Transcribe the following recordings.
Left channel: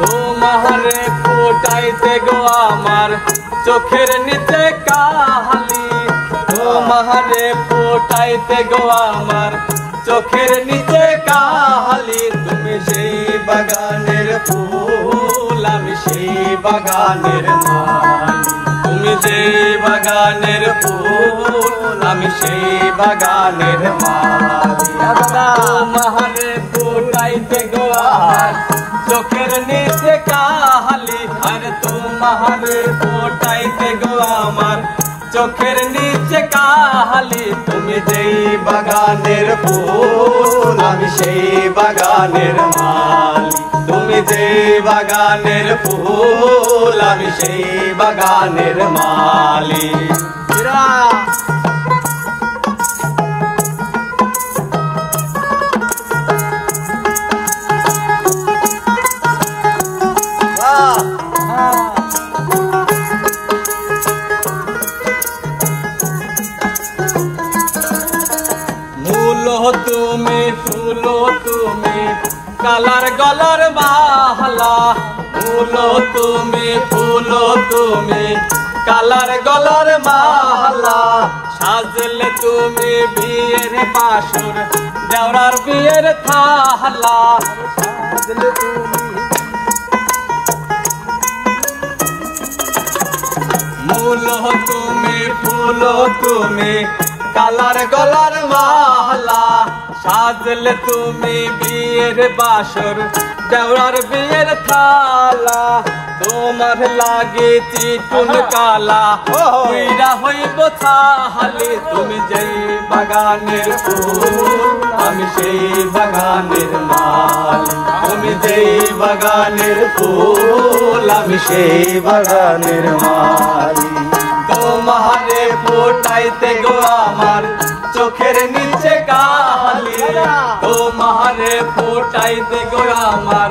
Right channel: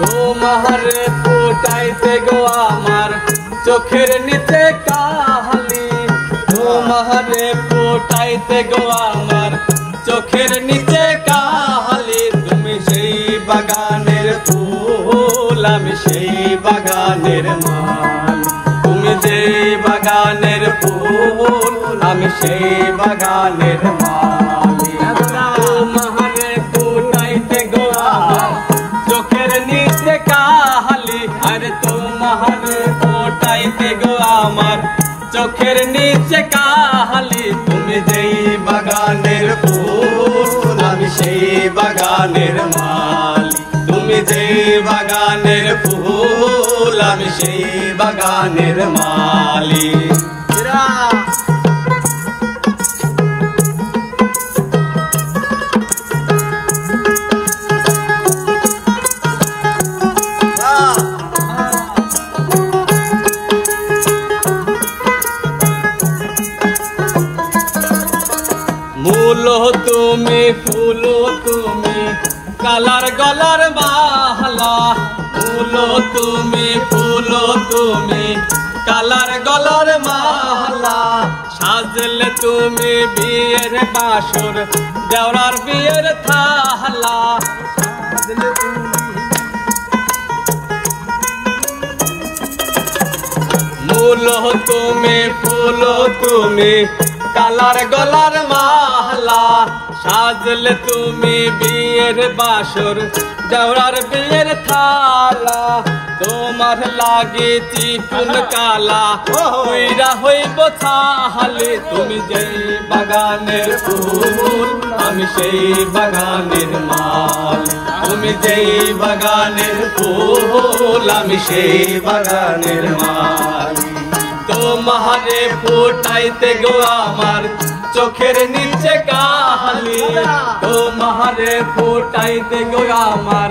তোমারে ফুটাইতে গো আমার চোখের নিচে কালি, তোমারে ফুটাইতে গো আমার চোখের নিচে কালি। তুমি সেই বাগানের ফুল, আমি সেই বাগানের মালি। তুমি যে বাগানের ফুল, আমি সেই বাগানের মালি। তোমারে ফুটাইতে গো আমার চোখের নিচে কালি, আরে তোমারে ফুটাইতে গো আমার চোখের নিচে কালি। তুমি যেই বাগানের ফুল, আমি সেই বাগানের মালি। তুমি যেই বাগানের ফুল, আমি সেই বাগানের মালি। মূলো তুমি, ফুলো তুমি, কালার গলার মালা। মূলো তুমি, ফুলো তুমি, কালার গলার মালা। সাজলে তুমি বিয়ের বাসর, দেওরার বিয়ের থালা। সাজলে তুমি, মূলো তুমি, ফুলো তুমি, কালার গলার মালা। সাজলে তুমি বিয়ের বাসর, দেওরার বিয়ের থালা। তোমার লাগে চিকুন কালা, উইরা হইব ছাহালি। তুমি যে বাগানের ফুল, আমি সেই বাগানের মালি। তুমি যে বাগানের ফুল, আমি সেই বাগানের মালি। তোমারে ফুটাইতে গো আমার চোখের নিচে কালি, তোমারে ফুটাইতে গো আমার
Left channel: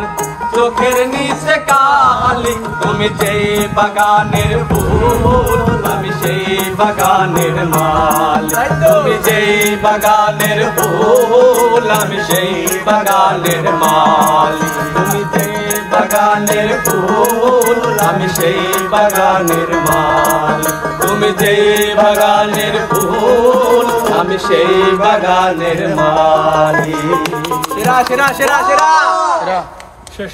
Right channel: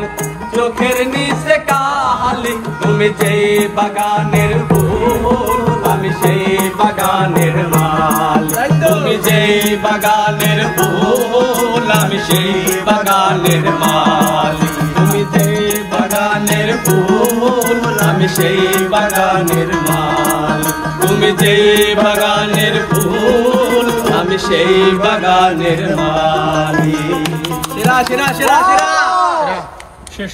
চোখের নিচে কালি। তুমি যে বাগানের ফুল, আমি সেই বাগানের মালি। তুমি যে বাগানের ফুল, আমি সেই বাগানের মালি। তুমি যে বাগানের ফুল, আমি সেই বাগানের মালি। তুমি যে বাগানের ফুল, আমি সেই বাগানের মালি। সেরা সেরা সেরা সেরা শেষ।